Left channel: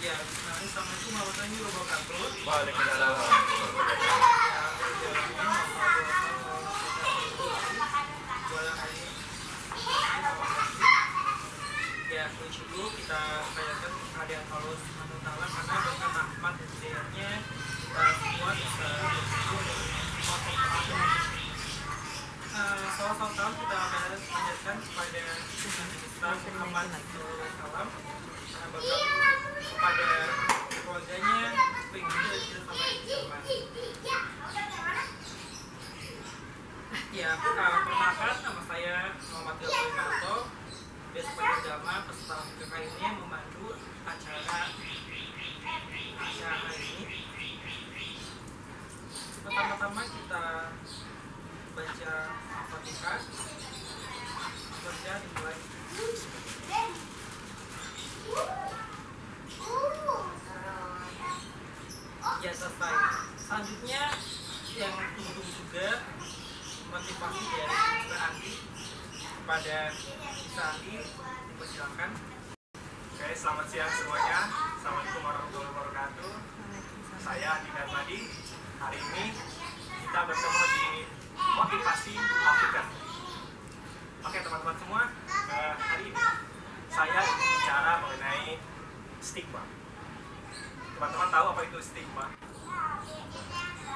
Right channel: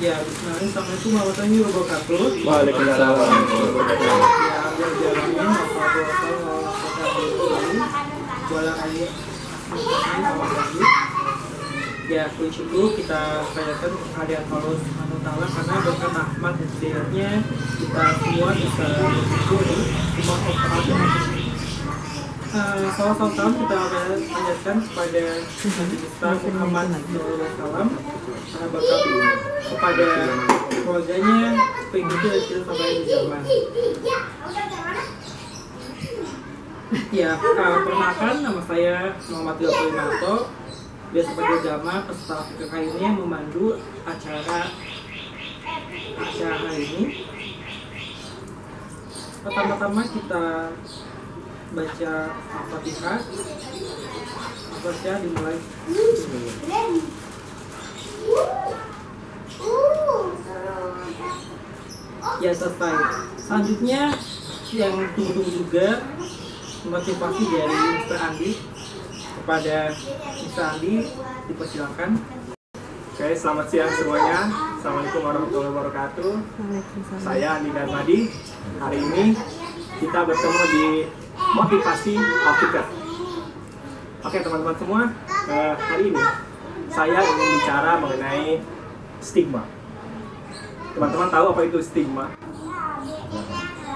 Ya, bismillah. Assalamualaikum warahmatullahi wabarakatuh. Waalaikumsalam. Ya, berjalan ya, puji syukur kita panjatkan kehadiran Allah Subhanahu wa taala karena berkat rahmat dan hidayahnya kita semua bisa bersyukur di semua perkara. Salam kita panjatkan kepada Nabi besar Muhammad SAW karena berkat kepada keluarganya begitu kita sampai di zaman. Ya, perkenalkan nama saya Muhammad Limanto. Dia sebagai jamaah peserta PKK ini yang memandu acara hari ini. Pertama-tama kita baca Al-Fatihah. Baca dimulai. Ya, selesai. Selanjutnya yang tunggu-tunggu juga motivasi dari Mr. Andi. Kepada Mr. Andi, dipersilakan. Oke, selamat siang semuanya. Assalamualaikum warahmatullahi wabarakatuh. Saya Andi Darmadi. Hari ini kita bertemu di motivasi Al-Fikr. Oke teman-teman semua, hari ini saya ingin bicara mengenai stigma. Teman-teman tahu apa itu stigma?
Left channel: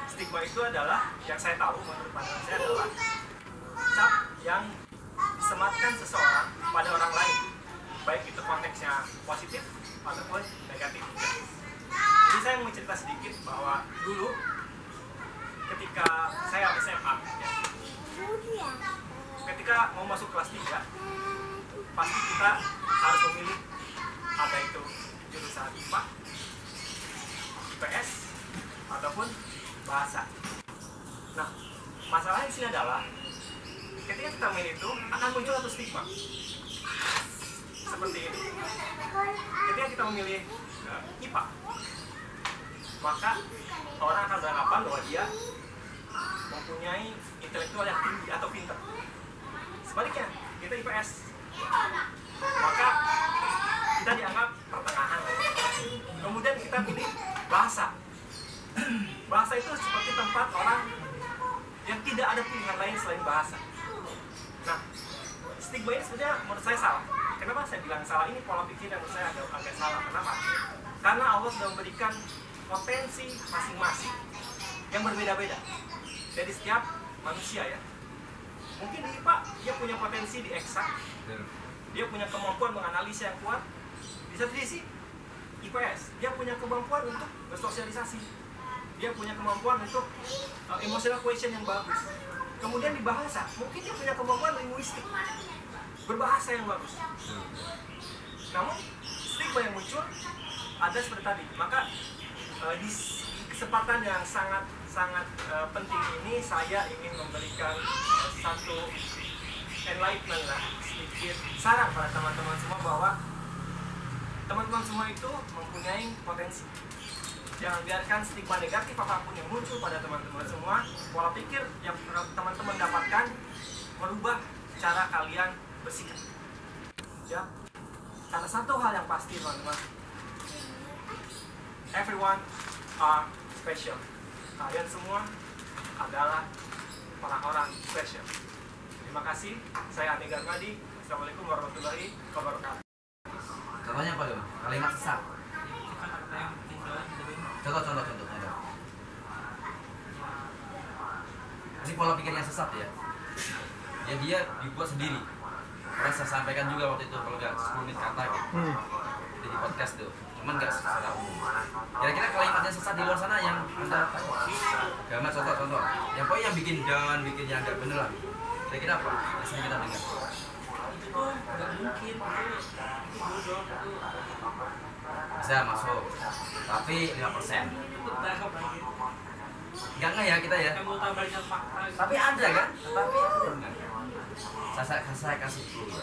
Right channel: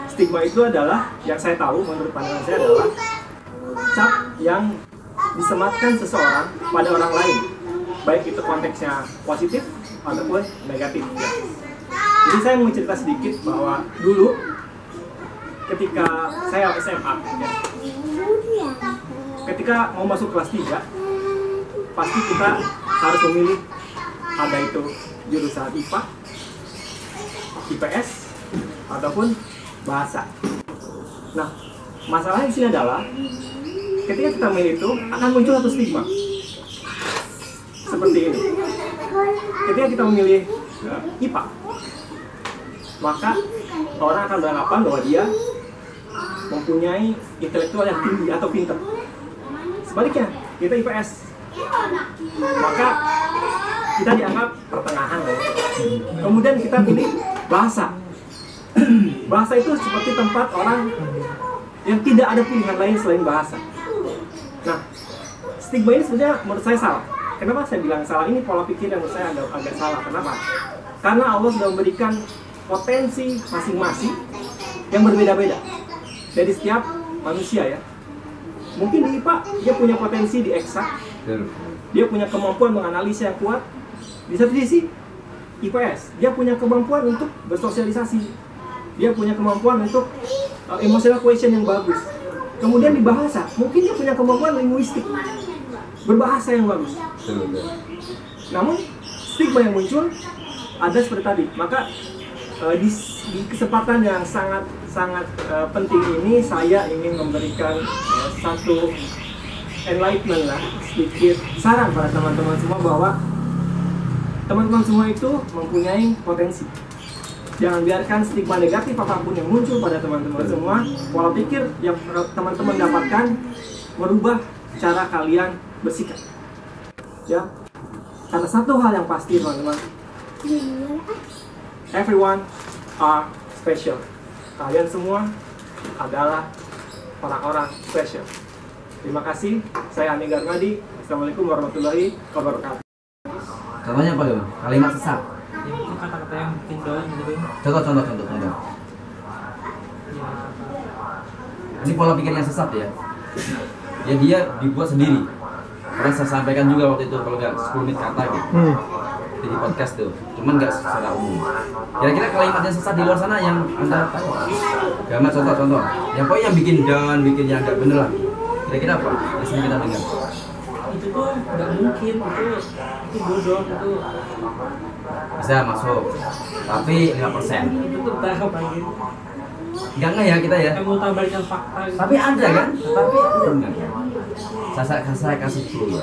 Stigma itu adalah, yang saya tahu menurut pandangan saya adalah cap yang disematkan seseorang pada orang lain, baik itu konteksnya positif ataupun negatif ya. Jadi saya mau cerita sedikit bahwa dulu ketika saya SMA ya, ketika mau masuk kelas 3 pasti kita harus memilih, ada itu jurusan IPA, IPS ataupun bahasa. Nah, masalahnya di sini adalah ketika kita milih itu akan muncul satu stigma seperti ini. Ketika kita memilih IPA, maka orang akan beranggapan bahwa dia mempunyai intelektual yang tinggi atau pintar. Sebaliknya, kita IPS, maka kita dianggap pertengahan. Kemudian kita pilih bahasa. Bahasa itu seperti tempat orang yang tidak ada pilihan lain selain bahasa. Nah, stigma ini sebenarnya menurut saya salah. Kenapa saya bilang salah? Ini pola pikir yang menurut saya agak salah. Kenapa? Karena Allah sudah memberikan potensi masing-masing yang berbeda-beda dari setiap manusia ya. Mungkin di IPA dia punya potensi di eksak, dia punya kemampuan menganalisa yang kuat. Di satu sisi IPS dia punya kemampuan untuk bersosialisasi, dia punya kemampuan untuk emotional question yang bagus. Kemudian di bahasa, mungkin dia punya kemampuan linguistik, berbahasa yang bagus. Namun stigma yang muncul ada seperti tadi. Maka di kesempatan yang sangat penting ini saya ingin memberikan satu enlightenment lah, sedikit saran pada teman-teman semua bahwa teman-teman semua itu mempunyai potensi. Jangan biarkan stigma negatif apapun yang muncul pada teman-teman semua. Pola pikir yang teman-teman dapatkan merubah cara kalian bersikap. Ya, karena satu hal yang pasti teman-teman, everyone are special. Kalian semua adalah orang-orang special. Terima kasih. Saya Andi Darmadi. Assalamualaikum warahmatullahi wabarakatuh. Contohnya apa ya? Kalimat sesat. Ya, itu kata-kata yang bikin down gitu. Contoh. Ini pola pikir yang sesat ya. Ya dia dibuat sendiri. Pernah saya sampaikan juga waktu itu, kalau nggak 10 menit kata gitu. Di podcast tuh. Cuman nggak secara umum. Kira-kira kalimat yang sesat di luar sana yang Anda tahu? Gambar contoh. Yang pokoknya yang bikin down, bikin yang nggak bener lah. Kira-kira apa? Yang sering kita dengar. Itu tuh nggak mungkin, itu bodoh, itu Bisa masuk. Tapi 5%. itu tuh tahap lagi. Enggak ya kita ya. Yang mau tabarkan fakta gitu. Tapi ada kan? Tapi enggak. Saya kasih clue ya.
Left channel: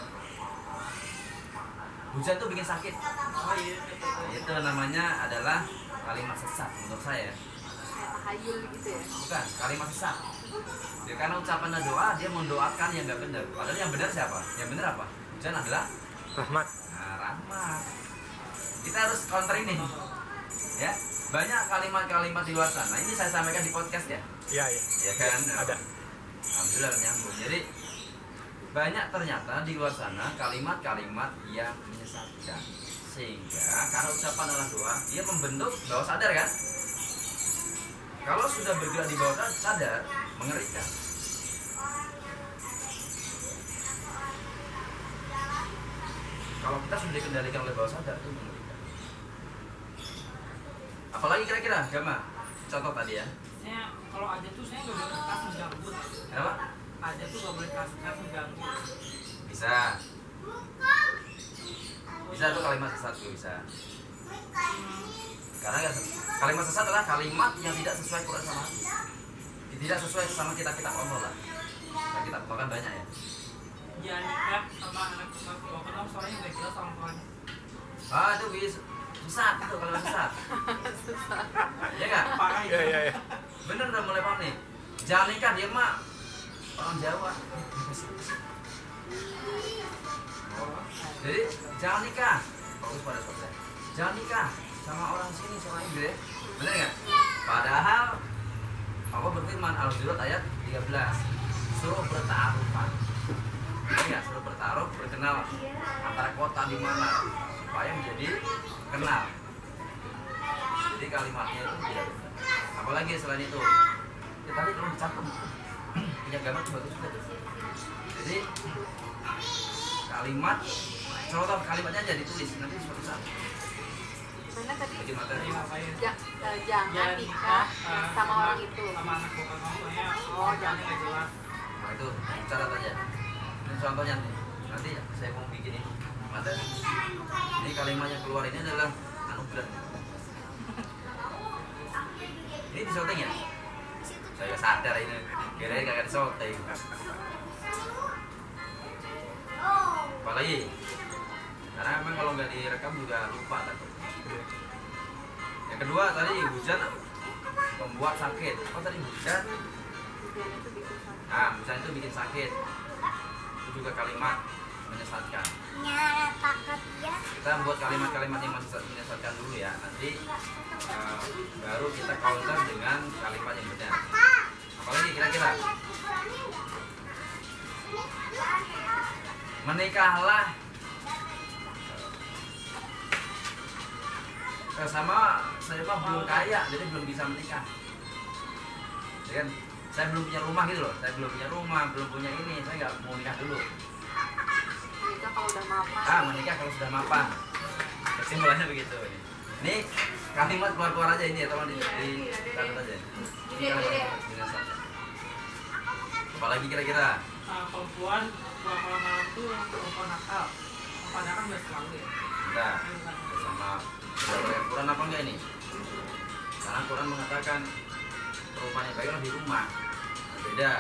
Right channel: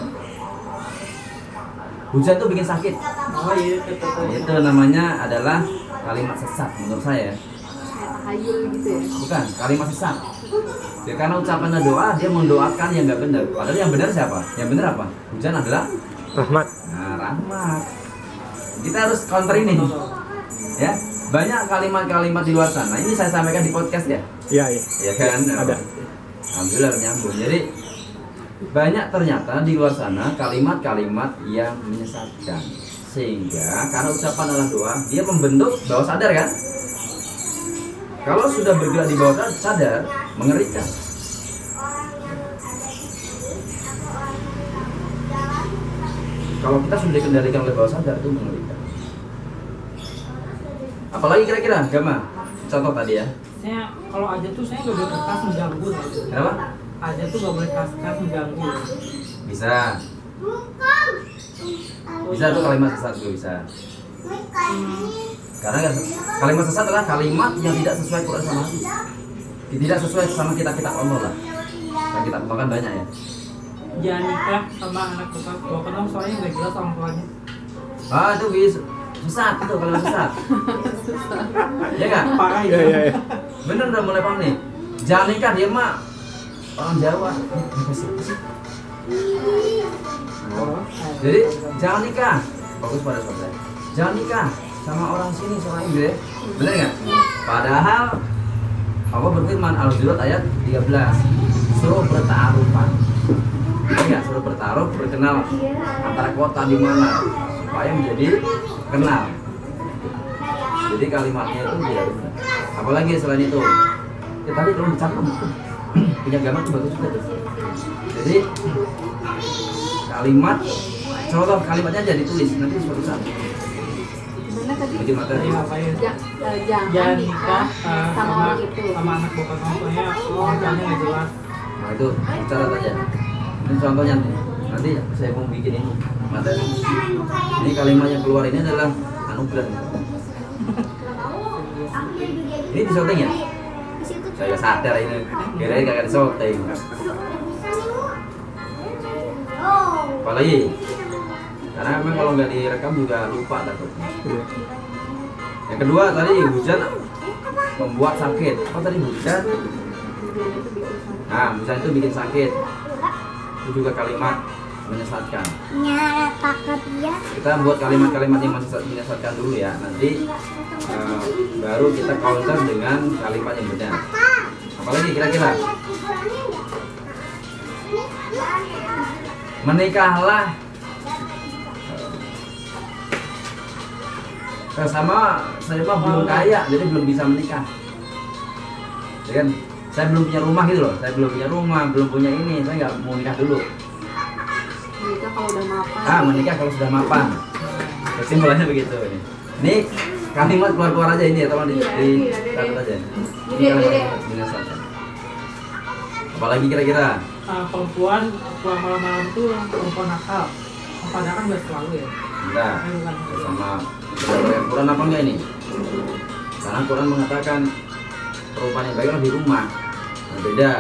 Hujan tuh bikin sakit. Oh iya, kata-kata Itu namanya adalah kalimat sesat menurut saya. Tahayul gitu ya. Bukan, kalimat sesat. Ya, karena ucapannya doa, dia mendoakan yang nggak benar. Padahal yang benar siapa? Yang benar apa? Hujan adalah Rahmat. rahmat. Kita harus counter ini. Ya, banyak kalimat-kalimat di luar sana. Ini saya sampaikan di podcast ya. Iya. Ya kan? Ada. Alhamdulillah nyambung. Jadi banyak ternyata di luar sana kalimat-kalimat yang menyesatkan. Sehingga karena ucapan adalah doa, dia membentuk bawah sadar kan? Kalau sudah bergerak di bawah sadar, mengerikan. Kalau kita sudah dikendalikan oleh bawah sadar itu mengerikan. Apalagi kira-kira, Gama? Contoh tadi ya. Saya kalau aja tuh saya nggak boleh kertas mengganggu. Kenapa? Aja tuh nggak boleh kertas mengganggu. Bisa. Bisa tuh kalimat sesat juga bisa. Karena kalimat sesat adalah kalimat yang tidak sesuai Quran sama hadis. Tidak sesuai sama kitab-kitab Allah lah. Yang kita kembangkan banyak ya. Jangan nikah sama anak bekas bawa kenal soalnya nggak jelas orang tuanya. Ah itu bisa sesat itu kalimat sesat. Ya nggak? Parah itu. Iya. Bener udah mulai paham nih. Jangan nikah dia mah orang Jawa. Jadi jangan nikah. Fokus pada sobat saya. Jangan nikah sama orang sini, orang Inggris. Bener nggak? Padahal Allah berfirman Al-Hujurat ayat 13 suruh bertaarufan. Ya, suruh bertaruh, berkenal antara kota di mana supaya menjadi kenal. Jadi kalimatnya itu tidak benar. Apalagi selain itu, ya tadi kalau dicatat punya gambar itu bagus juga tuh. Jadi kalimat, contoh kalimatnya aja ditulis nanti suatu saat. Gimana tadi? Bikin materi. Jangan nikah sama orang itu. sama anak bapak orang tuanya. Jangan nggak jelas. Nah itu catat aja. Ini contohnya nih. Nanti saya mau bikin ini materi. Ini kalimat yang keluar ini adalah anugerah. Ini di syuting ya? Saya sadar ini. Kira-kira kakak di syuting. Apalagi? Karena memang kalau nggak direkam juga lupa takutnya. Yang kedua tadi hujan membuat sakit. Apa tadi hujan? Nah, hujan itu bikin sakit. Itu juga kalimat menyesatkan. Kita buat kalimat-kalimat yang menyesatkan dulu ya. Nanti baru kita counter dengan kalimat yang benar. Apalagi kira-kira? Menikahlah sama saya mah belum kaya, jadi belum bisa menikah. Ya kan? Saya belum punya rumah gitu loh. Saya belum punya rumah, belum punya ini. Saya nggak mau nikah dulu. Menikah kalau udah mapan. Menikah kalau sudah mapan. Kesimpulannya begitu ini. Ini kalimat keluar-keluar aja ini ya, tolong di catat aja. Ini kalimat menyesatkan. Apalagi kira-kira? Perempuan pulang malam-malam tuh perempuan nakal. Padahal kan nggak selalu ya. Enggak. Sama berdasarkan Quran apa enggak ini? Karena Quran mengatakan perempuan yang baik di rumah. Nah, beda,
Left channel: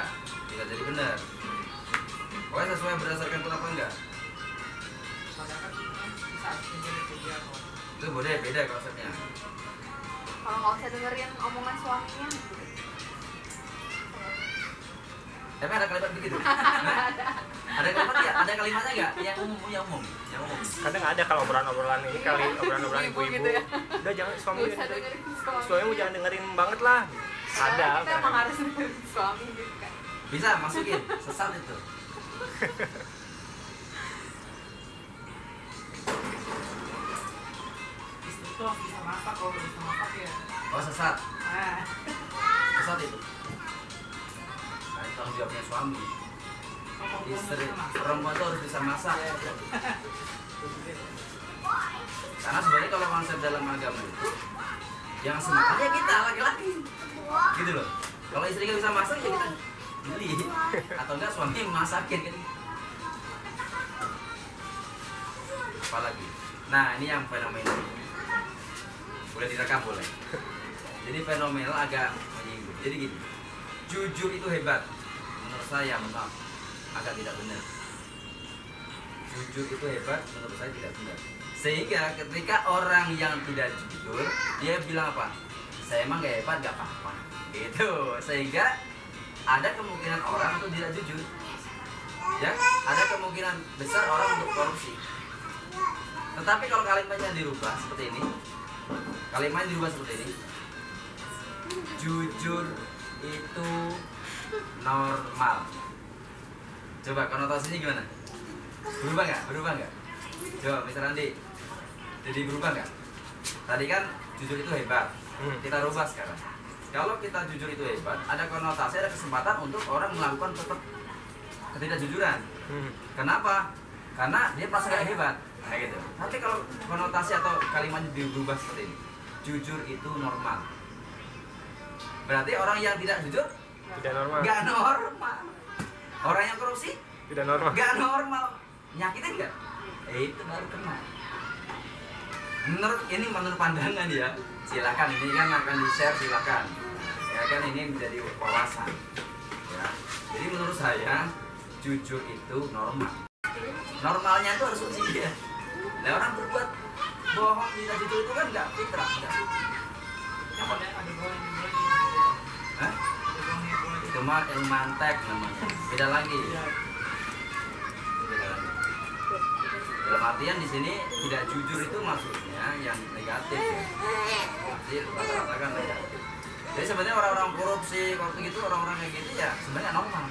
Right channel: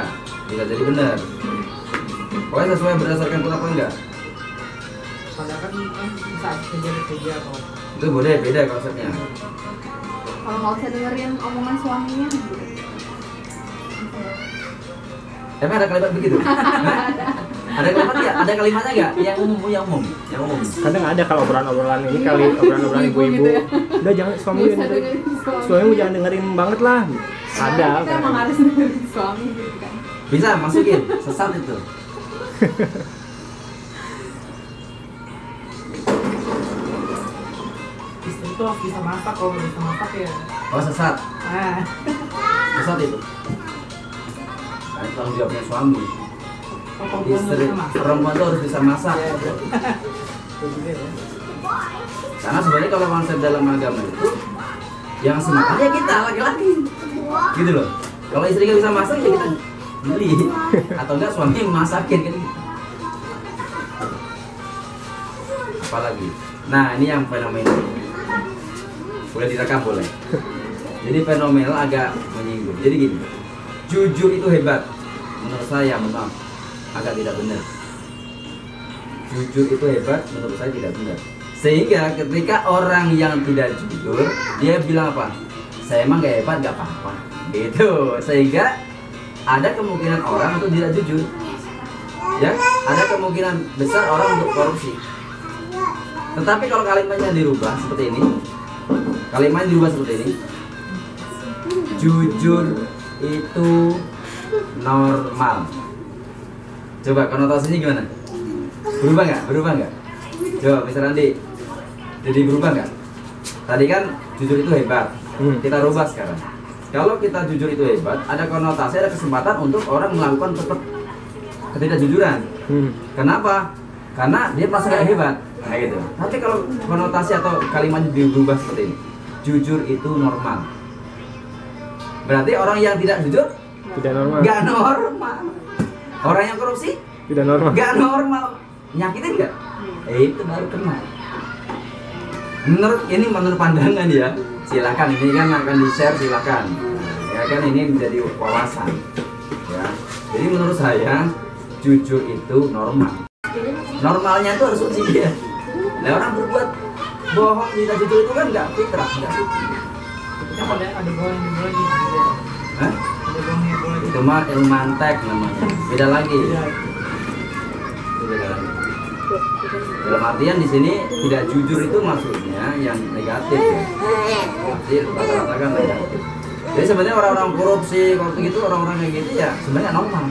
bisa jadi benar. Pokoknya sesuai berdasarkan Quran apa enggak? Padahal kan bisa kerja atau Itu boleh, beda konsepnya. Kalau nggak usah dengerin omongan suaminya. Emang ada kalimat begitu? Ada kalimat ya? Ada kalimatnya nggak? Yang umum, yang umum. Kadang ada kalau obrolan-obrolan ini kali obrolan-obrolan ibu-ibu. Gitu ya. Udah jangan suamimu dengerin. Suamimu jangan dengerin banget lah. Ada. Kita emang harus dengerin suami gitu kan. Bisa masukin, sesat itu. istri tuh harus bisa masak, kalau nggak bisa masak ya. Oh sesat, Nah, sesat itu. Nah, itu tanggung jawabnya suami. kalau perempuan nggak Istri, bisa masak. perempuan tuh harus bisa masak. Ya, ya. Gitu ya. Karena sebenarnya kalau konsep dalam agama itu yang semakan ya kita laki-laki, gitu loh. Kalau istri nggak bisa masak ya kita beli, atau enggak suami yang masakin kan. Apalagi, nah ini yang fenomenal. Boleh direkam boleh. Jadi fenomenal agak menyinggung. Jadi gini, jujur itu hebat. Menurut saya, maaf, agak tidak benar. Jujur itu hebat, menurut saya tidak benar. Sehingga ketika orang yang tidak jujur, dia bilang apa? Saya emang gak hebat, gak apa-apa. Gitu. Sehingga ada kemungkinan orang untuk tidak jujur. Ya, ada kemungkinan besar orang untuk korupsi. Tetapi kalau kalimatnya dirubah seperti ini, kalimatnya dirubah seperti ini, jujur itu normal. Coba konotasinya gimana? Berubah nggak? Berubah nggak? Coba Mr. Andi, jadi berubah nggak? Tadi kan jujur itu hebat, kita rubah sekarang. Kalau kita jujur itu hebat, ada konotasi, ada kesempatan untuk orang melakukan tetap ketidakjujuran. Kenapa? Karena dia merasa gak hebat, kayak gitu. Tapi kalau konotasi atau kalimatnya dirubah seperti ini, jujur itu normal. Berarti orang yang tidak jujur Tidak normal. gak normal. Orang yang korupsi Tidak normal. gak normal. Nyakitin gak? Itu baru kena. Menurut pandangan ya. Silakan, ini kan akan di-share, silakan. Ya kan, ini menjadi wawasan. Ya. Jadi menurut saya jujur itu normal. Normalnya itu harus suci dia. Nah, orang berbuat bohong tidak jujur itu kan nggak fitrah, nggak suci. Yang ada bohong yang boleh gitu. Hah? Ada bohong yang boleh Itu mah ilmu mantek namanya. Beda lagi. Iya. Itu beda lagi. Dalam artian di sini tidak jujur itu maksudnya yang negatif ya. Jadi rata-rata kan negatif. Jadi sebenarnya orang-orang korupsi, gitu orang-orang kayak gitu ya sebenarnya normal.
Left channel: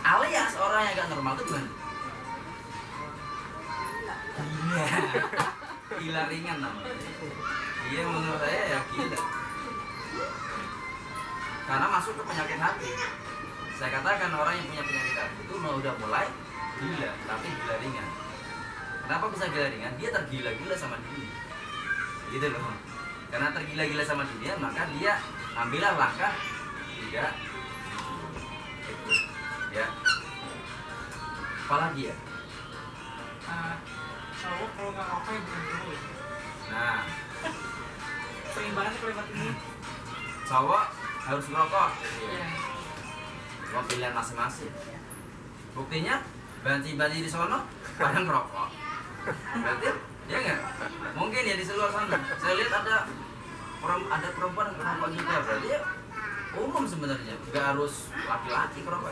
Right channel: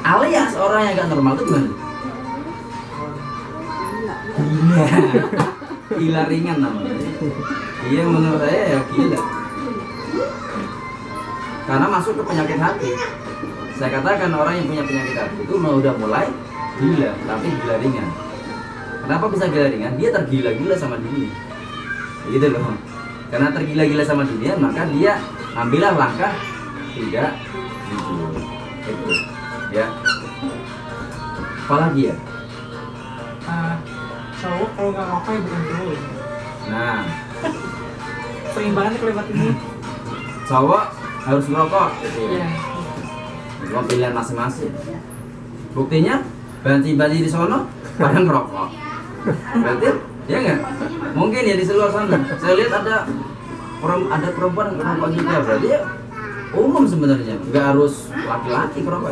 Alias orang yang gak normal itu gimana? Gila. Gila ringan namanya. Iya menurut saya ya gila. Karena masuk ke penyakit hati. Saya katakan orang yang punya penyakit hati itu udah mulai gila, tapi gila ringan. Kenapa bisa gila ringan? Dia tergila-gila sama dunia. Gitu loh. Karena tergila-gila sama dunia, maka dia ambillah langkah tidak jujur. Itu. Ya. Apalagi ya? Cowok kalau nggak ngapain bukan cowok. Nah, Sering banget kalimat ini. cowok harus ngerokok gitu ya. Iya. Cuma pilihan masing-masing. Buktinya banci-banci di sono pada ngerokok. Berarti ya nggak? Mungkin ya di luar sana. Saya lihat ada perempuan yang ngerokok juga. Berarti ya umum sebenarnya. Nggak harus laki-laki ngerokok.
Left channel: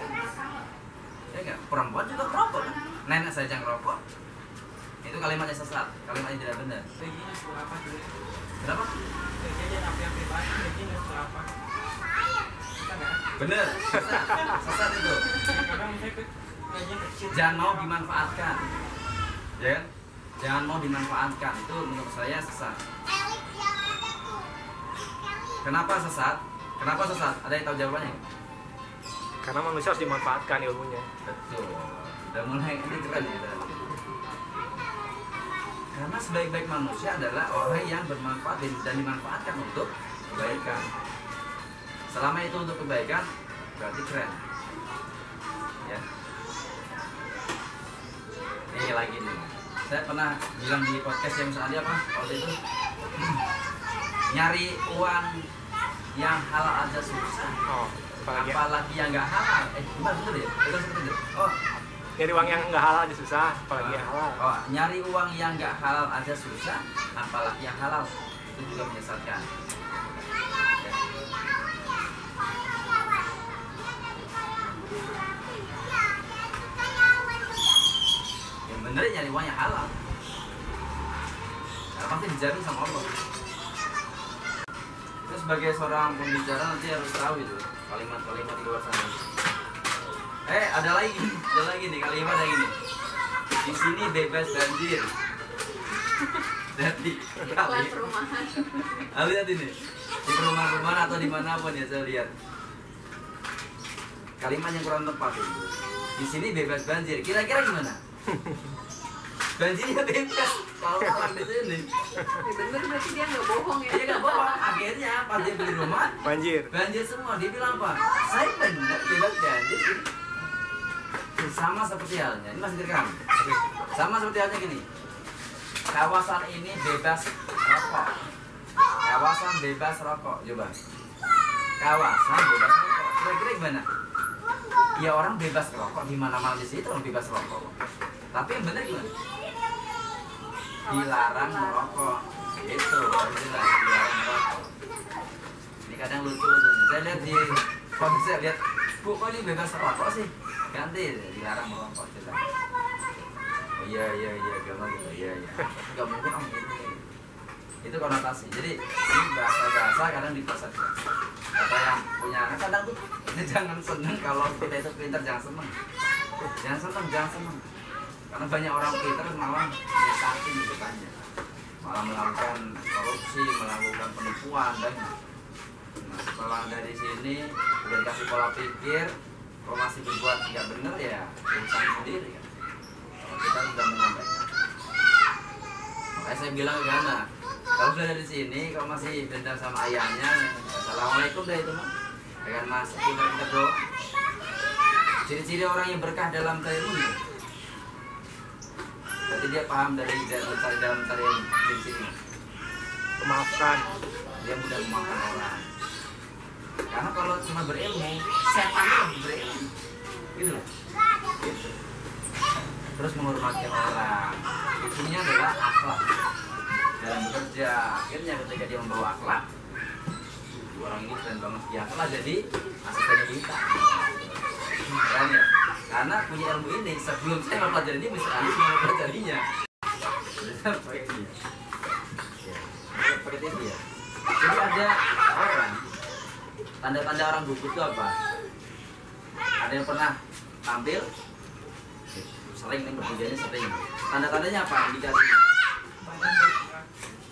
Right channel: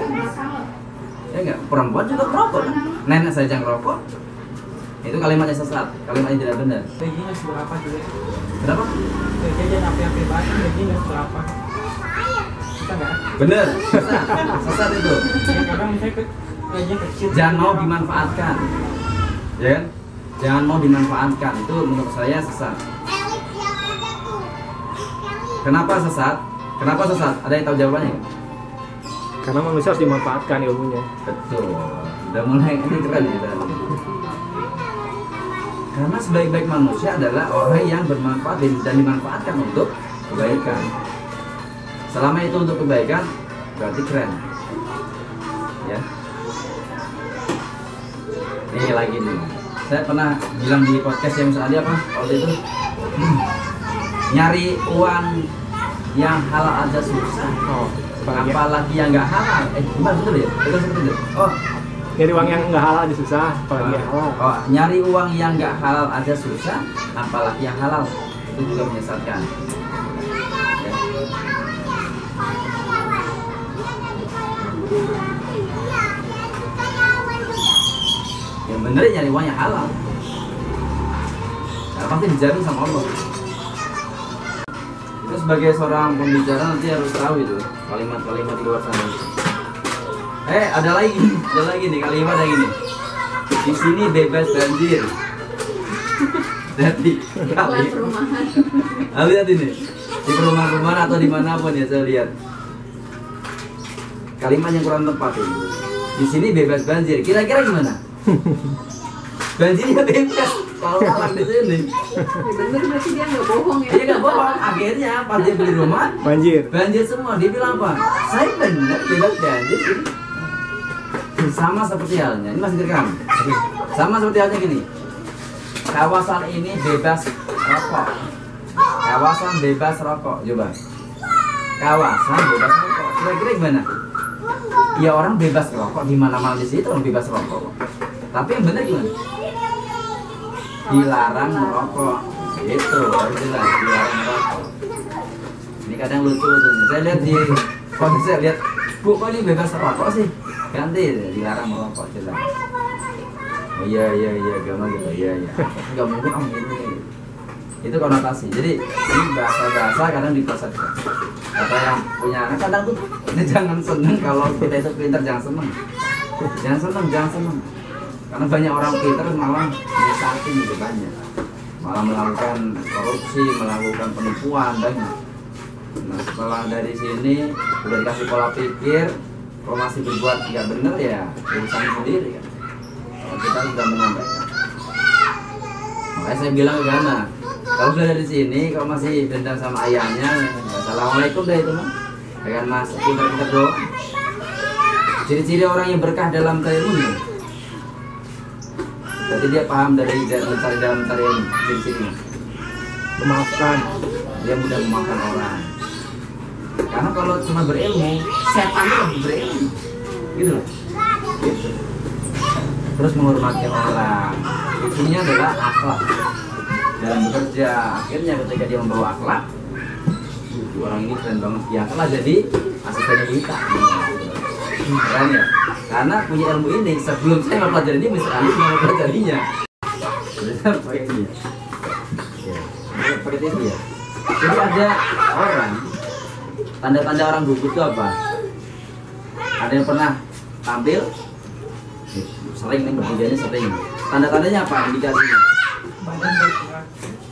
Ya nggak? Perempuan juga ngerokok kan? Nenek saya yang ngerokok. Itu kalimatnya sesat, kalimatnya tidak benar. Gajinya seberapa juga. Kenapa? Gajinya apa-apa banget, gajinya seberapa. Bisa nggak? Bener, sesat, sesat itu. Ya, kadang misalnya gajinya kecil. Jangan mau dimanfaatkan, ya kan? Jangan mau dimanfaatkan, itu menurut saya sesat. Kenapa sesat? Kenapa sesat? Ada yang tahu jawabannya? Karena manusia harus dimanfaatkan ilmunya. Betul. Udah mulai ini keren ya. Karena sebaik-baik manusia adalah orang yang bermanfaat dan dimanfaatkan untuk kebaikan. Selama itu untuk kebaikan, berarti keren. Ya. Ini lagi nih. Saya pernah bilang di podcast yang tadi apa? Waktu itu nyari uang yang halal aja susah. Oh, Apalagi yang nggak halal. Gimana betul ya? Betul seperti itu. Oh, nyari uang yang nggak halal aja susah, apalagi yang halal. Oh, nyari uang yang nggak halal aja susah, apalagi yang halal. Itu juga menyesatkan. Ya. Yang bener ya nyari uang yang halal. Karena pasti dijamin sama Allah. Itu sebagai seorang pembicara nanti harus tahu itu kalimat-kalimat di luar sana. Ada lagi nih kalimat yang ini. Di sini bebas banjir. Jadi Iklan perumahan. lihat ini di perumahan-perumahan atau dimanapun ya saya lihat kalimat yang kurang tepat ini. Di sini bebas banjir. Kira-kira gimana? Banjirnya bebas kalau orang di sini. Ya bener berarti dia nggak bohong ya. Dia nggak bohong. Akhirnya pas dia beli rumah Banjir. banjir semua. Dia bilang apa? Saya benar bebas banjir. Sama seperti halnya, ini masih direkam. Sama seperti halnya gini. Kawasan ini bebas rokok. Kawasan bebas rokok, coba. Kawasan bebas rokok. Kira-kira gimana? Ya orang bebas rokok di mana-mana di situ orang bebas rokok. Tapi yang benar gimana? Dilarang merokok. Itu harus jelas dilarang merokok. Ini kadang lucu tuh. Saya lihat di saya lihat, Bu, kok ini bebas rokok sih? Ganti dilarang merokok jelas. Oh iya agama gitu. Iya. Enggak mungkin om ini. Itu konotasi. Jadi ini bahasa kadang diplesetkan. Kata yang punya anak kadang tuh jangan seneng kalau kita itu pintar, jangan seneng. Jangan seneng. Karena banyak orang pintar malah menyesatin gitu banyak. Malah melakukan korupsi, melakukan penipuan banyak. Nah setelah dari sini udah dikasih pola pikir, kalau masih berbuat nggak bener ya urusan sendiri kan. Kalau kita sudah menyampaikan, makanya saya bilang ke Gana, kalau sudah dari sini kalau masih dendam sama ayahnya, assalamualaikum dah itu mah. Dengan mas pintar-pintar doang. Ciri-ciri orang yang berkah dalam ilmunya. Berarti dia paham dari dalam tarian ciri-cirinya. Memaafkan. Dia mudah memaafkan orang. Karena kalau cuma berilmu, setan itu lebih berilmu. Gitu loh. Gitu. Terus menghormati orang. Itunya adalah akhlak dalam bekerja. Akhirnya ketika dia membawa akhlak, orang ini keren banget. Ya telah jadi asistennya kita. Keren ya? Karena punya ilmu ini sebelum saya mempelajari ini, Mr. Ali mau mempelajarinya. Sudah pakai ini. Ya, pakai TV ya. Jadi ada orang, tanda-tanda orang gugup itu apa? Ada yang pernah tampil? Sering nih, bertiga ini sering. Tanda-tandanya apa? Indikasinya?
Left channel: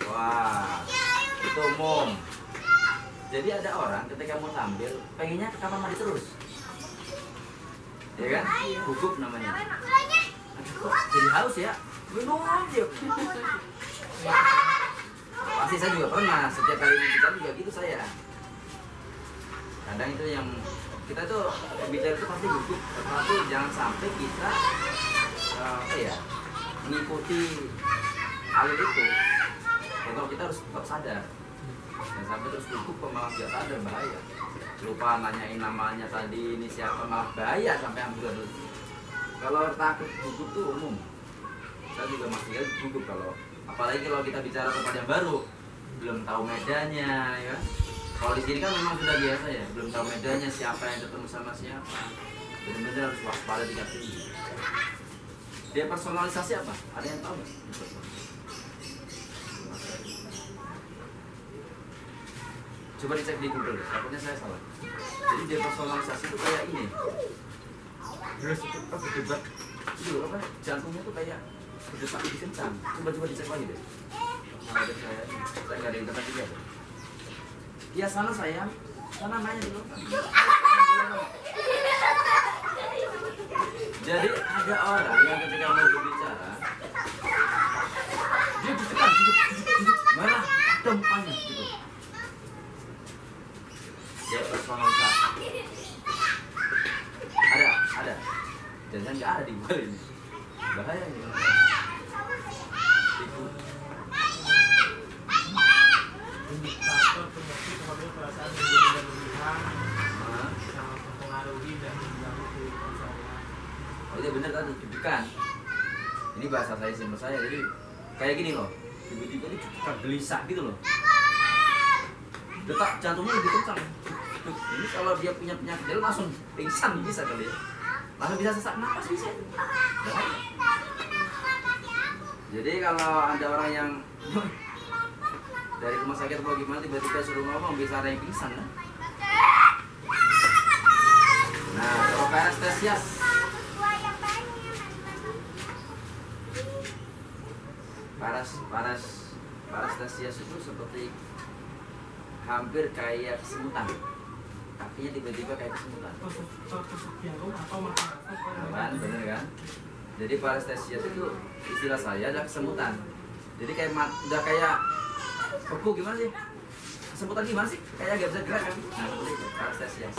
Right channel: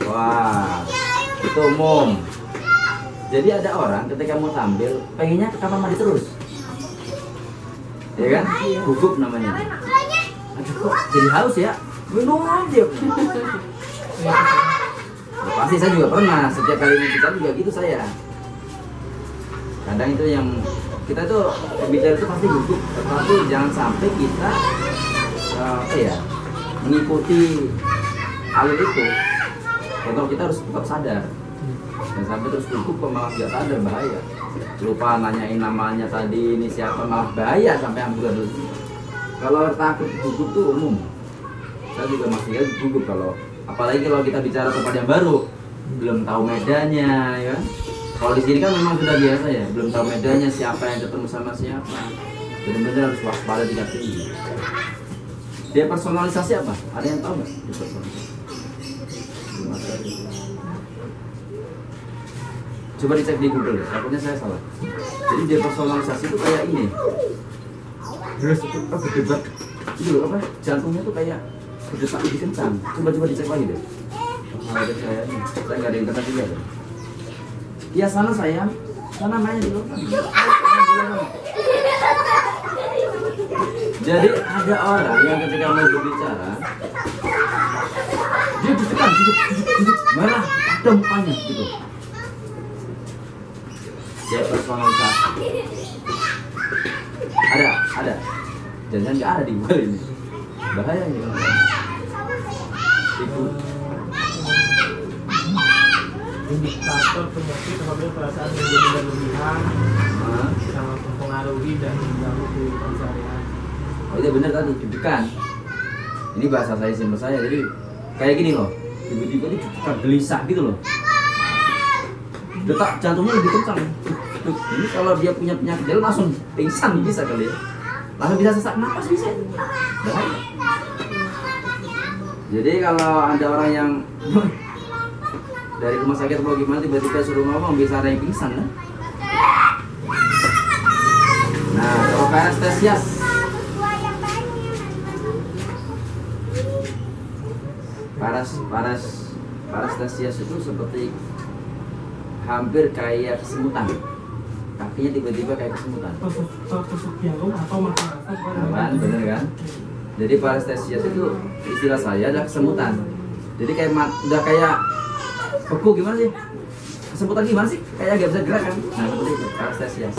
Wah, itu umum. Jadi ada orang ketika mau tampil, pengennya ke kamar mandi terus. Ya kan? Gugup namanya. Aduh kok jadi haus ya? Minum aja. Ya, pasti saya juga pernah, setiap kali bicara juga gitu saya. Kadang itu yang kita tuh bicara itu pasti gugup, tapi jangan sampai kita mengikuti alur itu. Contoh kita harus tetap sadar. Dan sampai terus gugup kok malah nggak sadar, bahaya. Lupa nanyain namanya tadi, ini siapa, malah bahaya sampai ambulan dulu. Kalau takut gugup tuh umum. Saya juga masih gugup kalau, apalagi kalau kita bicara tempat yang baru, belum tahu medannya, ya. Kalau di sini kan memang sudah biasa ya, belum tahu medannya, siapa yang ketemu sama siapa. Benar-benar harus waspada tingkat tinggi. Dia personalisasi apa? Ada yang tahu nggak? Coba dicek di Google, takutnya saya salah. Jadi dia personalisasi itu kayak ini. Terus itu berdebat. Itu apa? Jantungnya tuh kayak berdetak lebih kencang. Coba dicek lagi deh. Saya nggak ada internet juga deh. Ya sana sayang, sana main dulu. Jadi ada orang yang ketika mau berbicara, dia ditekan, duduk, merah, ada mukanya gitu. Dia personalisasi. Ada. Jangan nggak ada di Google ini. Bahaya ini. Itu indikator penyakit apabila perasaan menjadi berlebihan sangat mempengaruhi dan mengganggu kehidupan sehari-hari. Oh iya benar tadi, deg-degan. Ini bahasa saya simpel saya, jadi kayak gini loh. Tiba-tiba ini deg-degan gelisah gitu loh. Detak jantungnya lebih kencang. Ini kalau dia punya penyakit dia langsung pingsan bisa kali ya. Langsung bisa sesak napas bisa. Bahaya. Jadi kalau ada orang yang dari rumah sakit mau gimana tiba-tiba suruh ngomong, bisa ada yang pingsan kan? Nah, kalau parestesias parestesias itu seperti hampir kayak kesemutan. Kakinya tiba-tiba kayak kesemutan. Tusuk jarum atau makan Kan, bener kan? Jadi parestesias itu istilah saya adalah kesemutan. Jadi kayak udah kayak beku gimana sih? Kesemutan gimana sih? Kayak gak bisa gerak kan? Nah seperti itu, parestesias.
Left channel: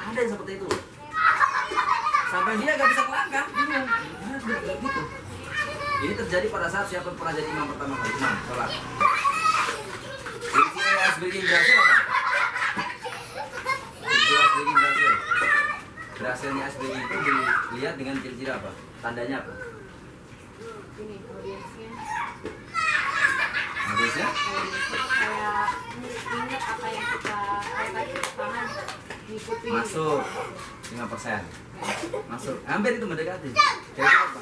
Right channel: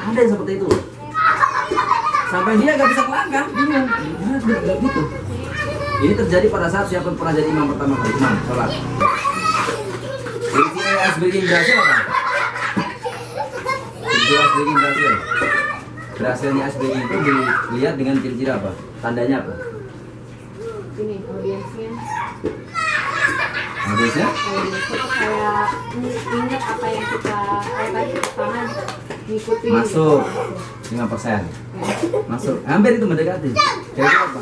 Ada yang seperti itu. Sampai dia gak bisa melangkah, bingung. Gimana gitu? Ini terjadi pada saat siapa pernah jadi imam pertama kali, imam sholat. Ciri-ciri ice-breaking berhasil apa? Ciri-ciri ice-breaking berhasil. Berhasilnya ice-breaking itu dilihat dengan ciri-ciri apa? Tandanya apa? Ini audiensnya. Audiensnya? Kayak ingat apa yang kita tadi pertama ngikuti. Masuk 5%. Masuk. Hampir itu mendekati. Kayak apa?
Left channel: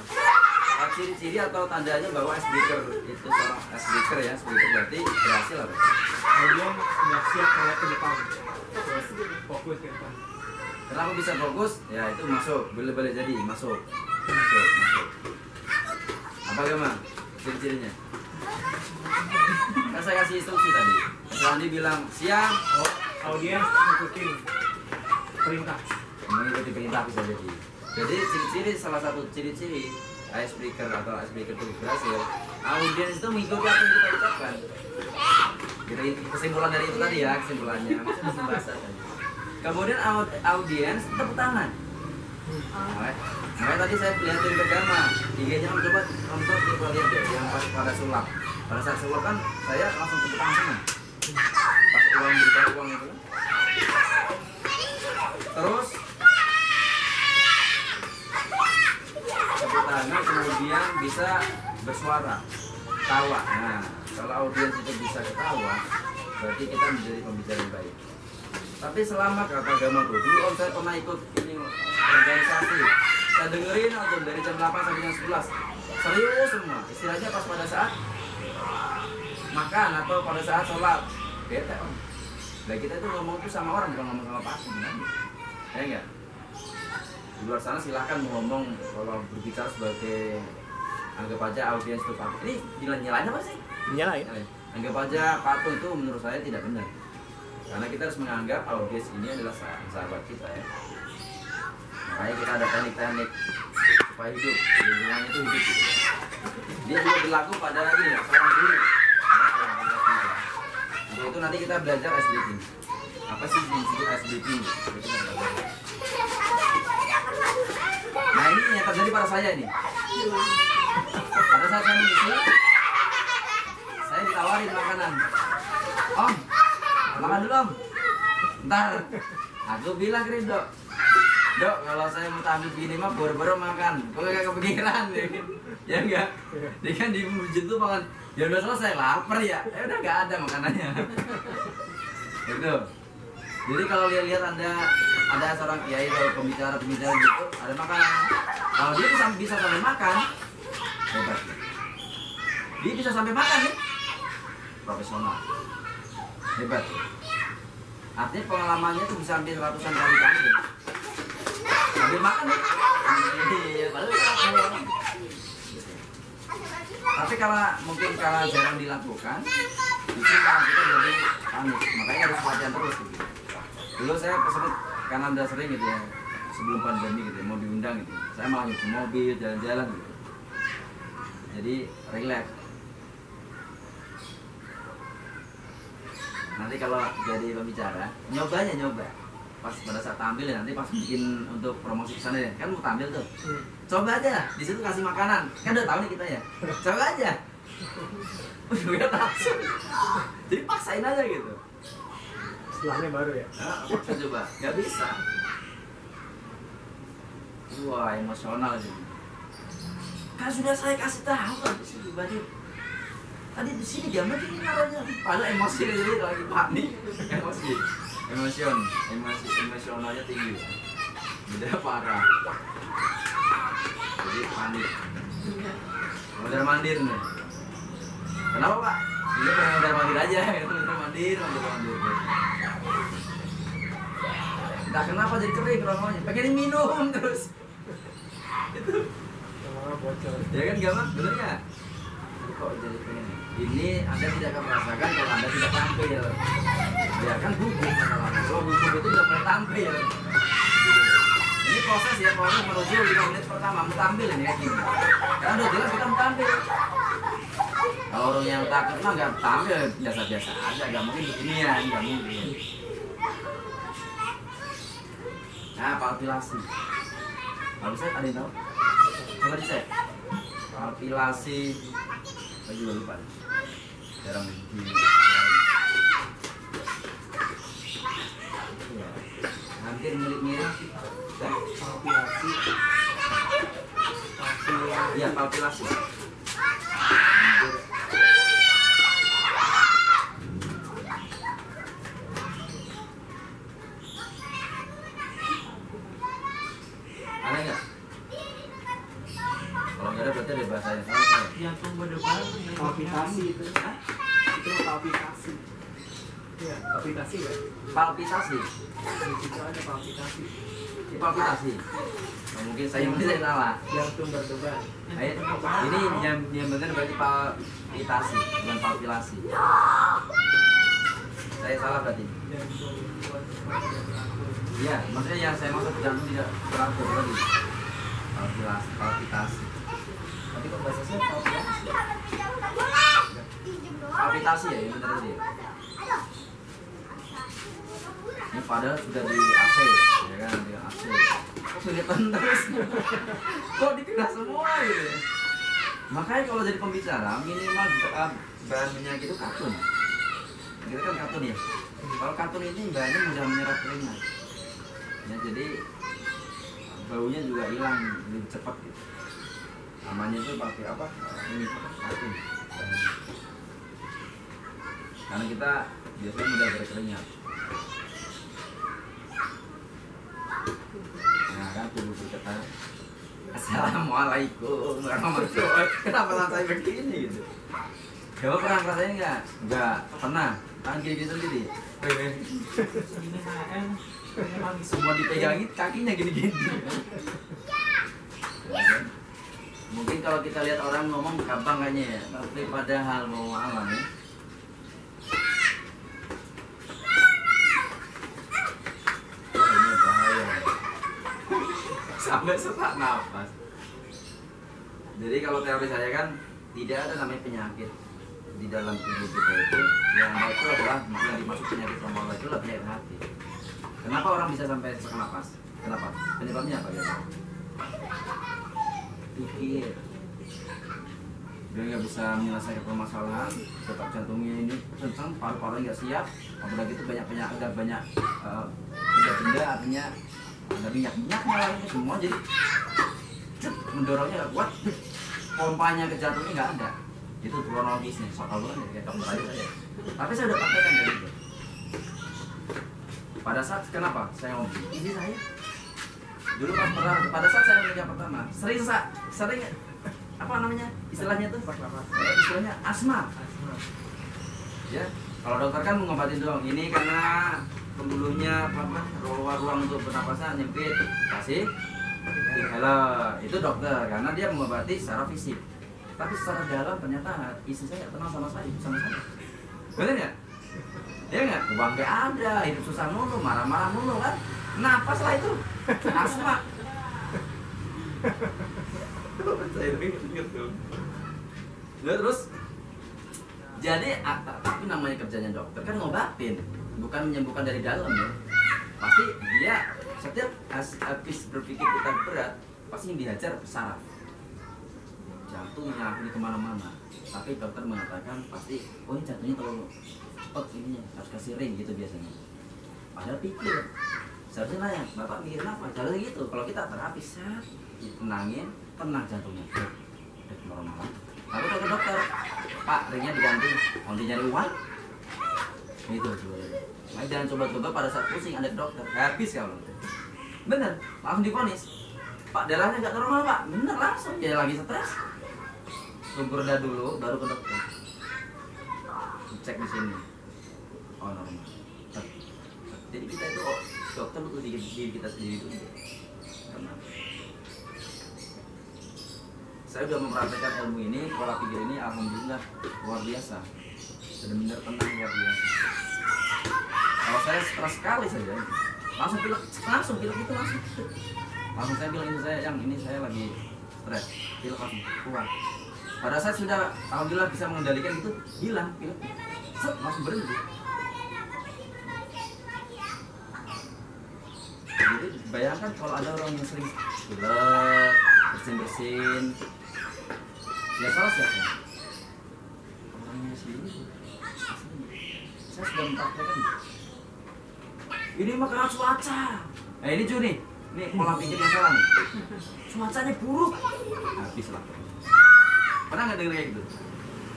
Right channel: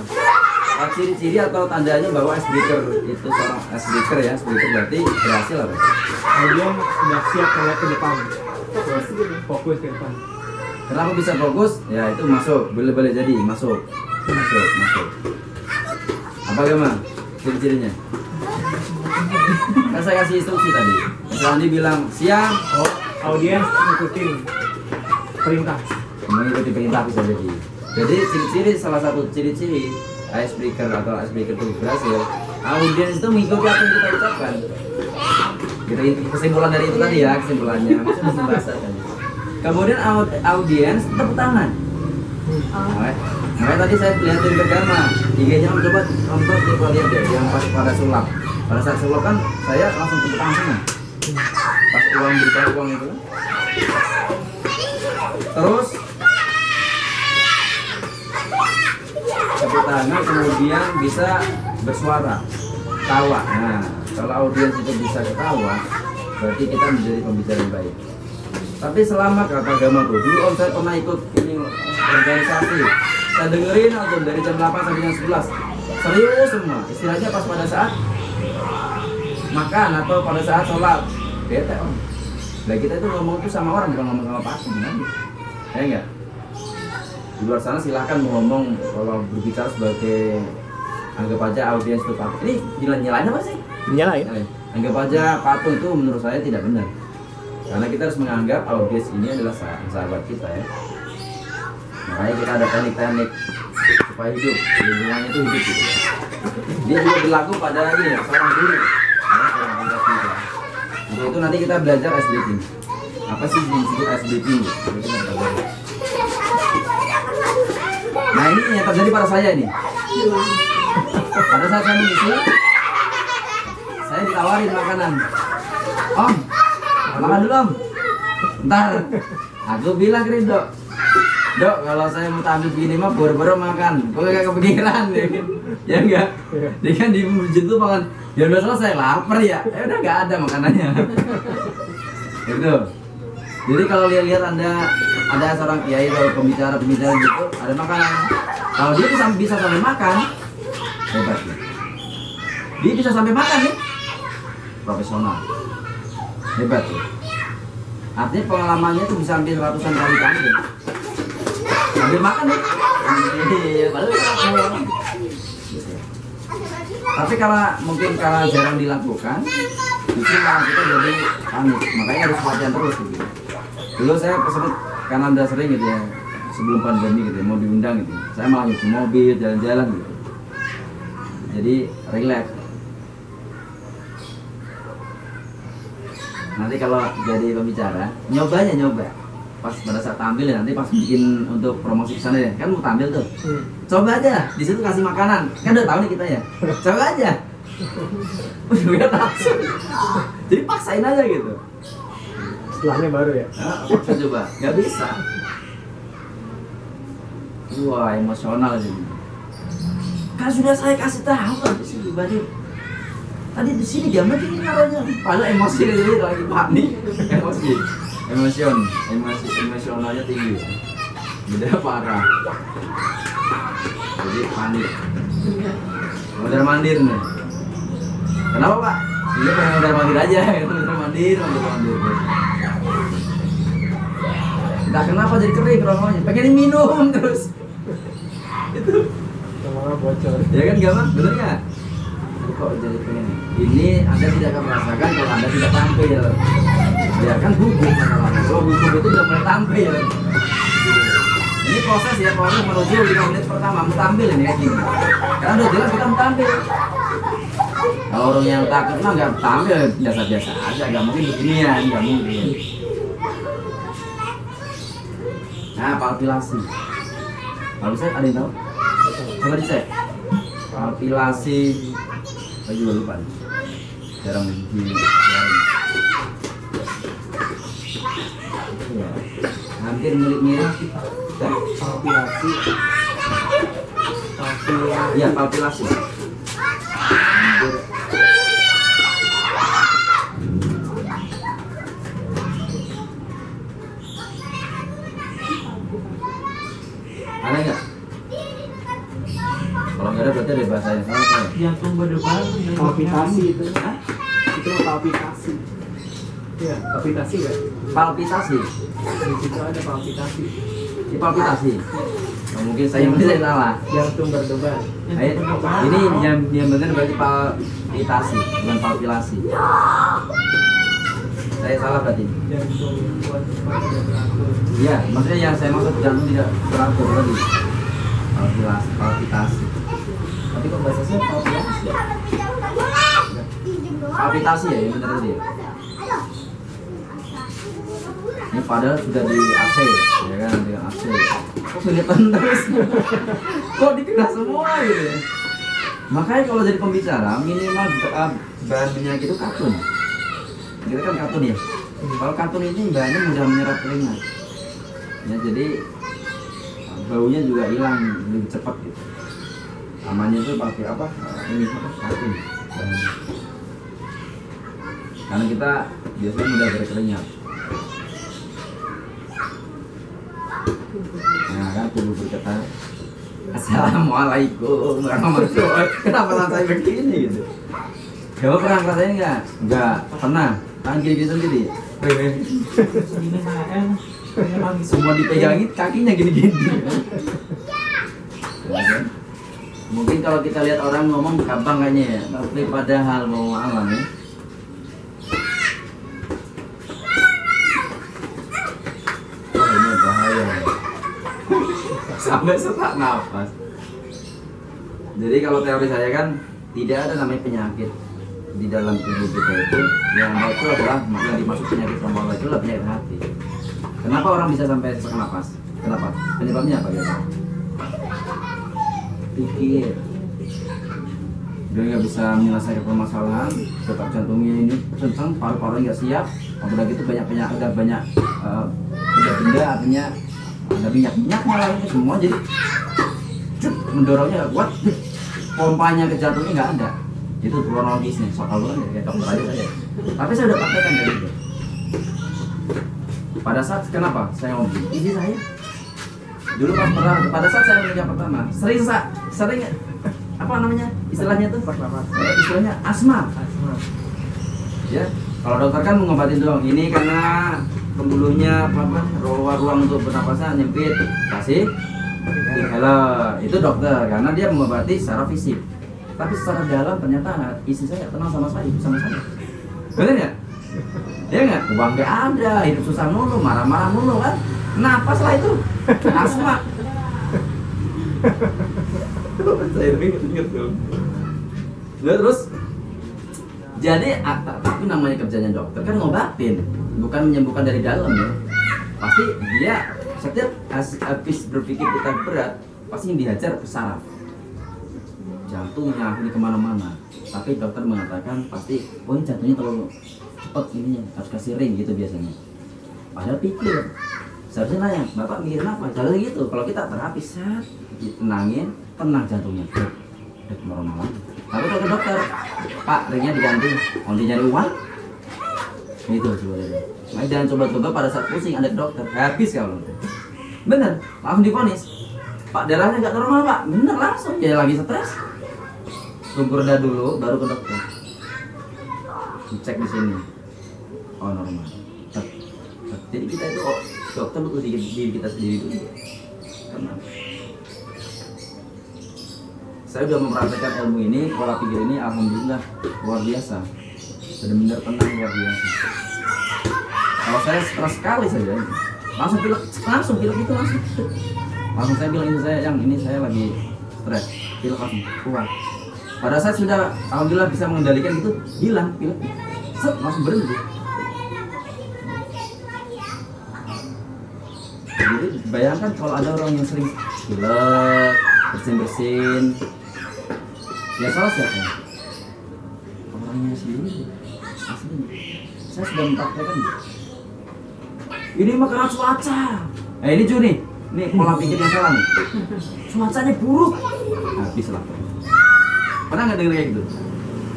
ciri-ciri atau tandanya bahwa icebreaker itu seorang icebreaker ya, icebreaker berarti berhasil apa? Kemudian sudah siap melihat ke depan, Fokus gitu. fokus ke depan. Kenapa bisa fokus? Ya itu masuk, boleh jadi masuk. Apa gimana? Ciri-cirinya? Kan saya kasih instruksi tadi. Misalnya bilang siang, Oh, audiens ngikutin perintah. mengikuti perintah bisa jadi. Jadi ciri-ciri, salah satu ciri-ciri icebreaker atau icebreaker itu berhasil, audiens itu mengikuti apa yang kita ucapkan. Gitu, kesimpulan dari itu tadi ya, kesimpulannya. Maksudnya bahasa tadi. Kemudian audiens tepuk tangan. Makanya tadi saya lihatin ke Garma, IG-nya coba lihat deh, yang pas pada sulap. Pada saat sulap kan saya langsung tepuk tangan semua. Pas uang berita uang itu. Terus tepuk tangan kemudian bisa bersuara, tawa. Nah, kalau audiens itu bisa ketawa, berarti kita menjadi pembicara yang baik. Tapi selama kata Gama tuh, dulu om saya pernah ikut ini organisasi, saya dengerin om dari jam 8 sampai jam 11, serius semua. Istilahnya pas pada saat makan atau pada saat sholat, bete om. Nah kita itu ngomong tuh sama orang, bukan ngomong sama pasien, kan? Ya enggak? Di luar sana silahkan ngomong kalau berbicara sebagai anggap aja audiens itu patuh. Ini nyalain apa sih? Nyalain. Anggap aja patuh itu menurut saya tidak benar. Karena kita harus menganggap audiens ini adalah sahabat kita ya. Makanya kita ada teknik-teknik supaya hidup, lingkungannya itu hidup gitu. Dia juga berlaku pada ini ya, seorang guru. Untuk itu nanti kita belajar icebreaking. Apa sih disebut icebreaking? Nah ini yang terjadi pada saya nih. Pada saat saya mengisi, saya ditawarin makanan. Om, makan dulu om. Ntar, aku bilang ke Dok, Dok kalau saya mau tampil begini mah boro-boro makan. Kok gak kepikiran ya? Ya enggak? Dia kan di masjid tuh makan. Ya udah selesai, lapar ya. Udah nggak ada makanannya. Gitu. Jadi kalau lihat ada seorang kiai atau pembicara gitu, ada makanan. Kalau dia bisa sampai makan, hebat ya. Dia bisa sampai makan nih, profesional, hebat ya. Artinya pengalamannya itu bisa sampai ratusan kali tampil. Sambil makan nih. Tapi mungkin kalau jarang dilakukan, justru malah kita jadi panik. Makanya harus latihan terus gitu. Dulu saya kesebut karena udah sering gitu ya, sebelum pandemi gitu ya, mau diundang gitu. Saya malah nyuci mobil, jalan-jalan gitu. Jadi relax. Nanti kalau jadi pembicara, nyoba. Pas pada saat tampil ya, nanti pas bikin untuk promosi kesana ya, kan mau tampil tuh. Coba aja, di situ kasih makanan. Kan udah tahu nih kita ya. Coba aja. Udah tahu. Jadi paksain aja gitu. Setelahnya baru ya. Paksa coba, nggak bisa. Wah emosional sih. Kan sudah saya kasih tahu di sini Badir. Tadi di sini gambar ini naruhnya. Padahal emosi ini lagi panik. Emosionalnya tinggi. Beda parah. Jadi panik. Mondar mandir nih. Kenapa Pak? Iya pengen mondar mandir aja. Mondar mandir. Entah kenapa jadi kering romonya. Pengen minum terus. Itu. Sama bocor. Ya kan Gama? Bener nggak? Kok jadi pengen? Ini Anda tidak akan merasakan kalau Anda tidak tampil. Ya kan gugup masalahnya. Kalau gugup itu udah mulai tampil. Ini proses ya, proses menuju 5 menit pertama mau tampil ini kayak gini. Karena udah jelas kita mau tampil. Kalau orang yang takut mah nggak tampil biasa-biasa aja, nggak mungkin beginian, nggak mungkin. Nah, palpilasi. Kalau bisa ada yang tahu? Coba dicek. Palpilasi. Saya juga lupa. Jarang di. Ya. Hampir mirip-mirip. Palpilasi. Iya, palpilasi. Ada nggak? Kalau nggak ada berarti itu deh bahasanya salah. Jantung berdebar. Palpitasi itu. Hah? Itu palpitasi. Iya, palpitasi kan? Palpitasi. Di situ ada palpitasi. Di palpitasi. Oh, mungkin saya salah. Jantung berdebar. Ini yang benar berarti palpitasi, bukan palpilasi. Saya salah berarti. Jantung buat supaya tidak teratur. Iya, maksudnya yang saya maksud jantung tidak teratur tadi. Palpitasi. Tapi kok bahasa saya palpitasi? Palpitasi ya, yang benar tadi. Ini padahal sudah di AC, ya kan, dengan AC. Kok kelihatan terus? Kok dikena semua gitu ya? Makanya kalau jadi pembicara minimal bahan minyak itu katun. Kita kan katun ya. Kalau katun ini bahannya mudah menyerap keringat. Ya jadi baunya juga hilang lebih cepat gitu. Namanya itu pakai apa? Ini apa? Katun. Karena kita biasanya mudah berkeringat. Nah kan tubuh berkata Assalamualaikum warahmatullahi wabarakatuh. Kenapa rasanya begini gitu? Coba pernah ngerasain nggak? Nggak pernah. Tangan gini sendiri. Segini HM. Semua dipegangin kakinya gini-gini. Mungkin kalau kita lihat orang ngomong gampang kayaknya ya, tapi padahal mau alam ya. Oh ini bahaya. Sampai sesak nafas. Jadi kalau teori saya kan tidak ada namanya penyakit di dalam tubuh kita itu. Yang ada itu adalah yang dimaksud penyakit sama Allah itu adalah penyakit hati. Kenapa orang bisa sampai sesak nafas? Kenapa? Penyebabnya apa biasa? Pikir. Dia nggak bisa menyelesaikan permasalahan, detak jantungnya ini kencang, paru-parunya nggak siap. Apalagi itu banyak benda-benda artinya ada minyak malah ini semua jadi mendorongnya kuat, pompanya ke jantungnya nggak ada. Itu kronologisnya soal kan ya dokter aja saya. Tapi saya udah praktekkan dari itu. Pada saat kenapa saya ngomong ini saya dulu pada saat saya menikah pertama sering apa namanya istilahnya tuh istilahnya asma. Ya kalau dokter kan mengobatin doang ini karena pembuluhnya ruang untuk bernapasan nyempit kasih inhaler itu dokter karena dia mengobati secara fisik tapi secara dalam ternyata istri saya tenang sama saya bener ya dia nggak uang nggak ada hidup susah mulu marah-marah mulu kan napas lah itu asma saya inget tuh terus jadi tapi namanya kerjanya dokter kan ngobatin bukan menyembuhkan dari dalam ya pasti dia setiap habis berpikir kita berat pasti yang dihajar ke saraf jantungnya ini kemana-mana tapi dokter mengatakan pasti oh ini jantungnya terlalu cepat ininya harus kasih ring gitu biasanya padahal pikir seharusnya nanya bapak mikirin apa jalan gitu kalau kita terapi set tenangin tenang jantungnya normal lagi tapi kalau ke dokter pak ringnya diganti mau nyari uang itu coba nah, jangan coba-coba pada saat pusing ada dokter habis kalau bener langsung divonis pak darahnya nggak normal pak bener langsung ya lagi stres tunggu reda dulu baru ke dokter cek di sini oh normal jadi kita itu dokter butuh diri kita sendiri dulu karena saya sudah mempraktekkan ilmu ini pola pikir ini alhamdulillah luar biasa benar-benar tenang luar biasa kalau saya stres sekali saja langsung pilek itu langsung saya bilang ini saya lagi stres pilek langsung keluar pada saat sudah alhamdulillah bisa mengendalikan itu hilang pilek set langsung berhenti jadi bayangkan kalau ada orang yang sering pilek bersin ya salah siapa orangnya sendiri aslinya saya sudah mempraktekkan ini mah karena cuaca ini Juni nih pola pikir yang salah nih cuacanya buruk habis lah pernah nggak dengar kayak gitu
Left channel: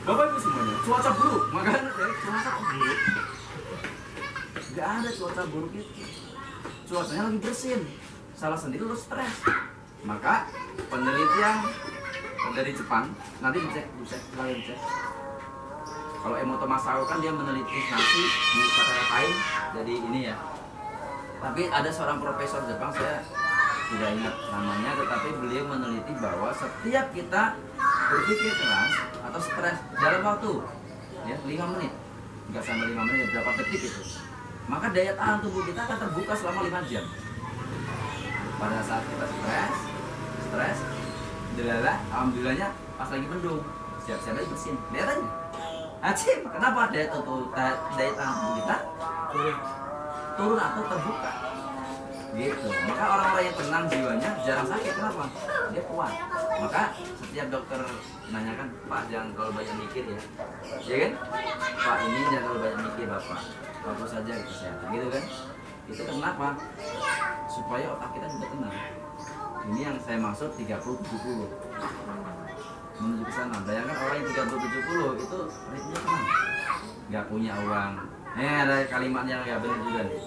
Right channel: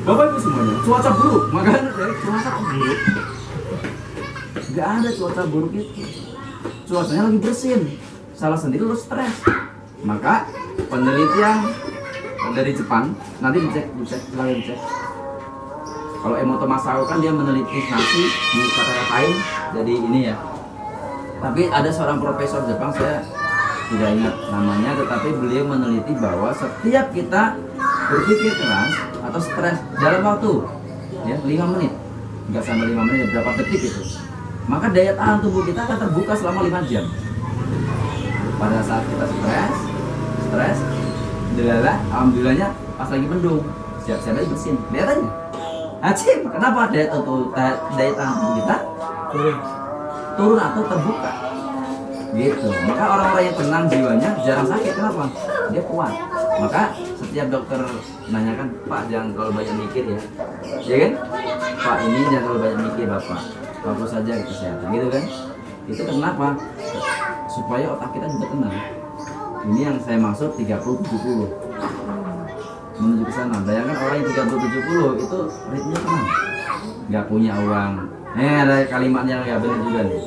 bapak itu semuanya cuaca buruk makanya dari cuaca buruk nggak ada cuaca buruk itu cuacanya lagi bersin salah sendiri lo stres maka penelitian dari Jepang, nanti dicek, silahkan dicek. Kalau Emoto Masao kan dia meneliti nasi di kata-katain, jadi ini ya. Tapi ada seorang profesor Jepang, saya tidak ingat namanya, tetapi beliau meneliti bahwa setiap kita berpikir keras atau stres dalam waktu ya 5 menit, nggak sampai 5 menit, berapa detik itu, maka daya tahan tubuh kita akan terbuka selama 5 jam. Pada saat kita stres, alhamdulillahnya pas lagi mendung, siap-siap aja bersin, lihat aja. Acim, kenapa daya tahan tubuh kita turun atau terbuka? Gitu. Maka orang-orang yang tenang jiwanya jarang sakit. Kenapa? Dia kuat. Maka setiap dokter nanyakan, Pak jangan terlalu banyak mikir ya, ya kan? Pak ini jangan terlalu banyak mikir Bapak, fokus saja ke kesehatan, gitu kan? Itu kenapa? Supaya otak kita juga tenang. Ini yang saya maksud 30-70 menuju ke sana. Bayangkan orang yang 30-70 itu ritmenya tenang, nggak punya uang. Ada kalimatnya nggak benar juga nih.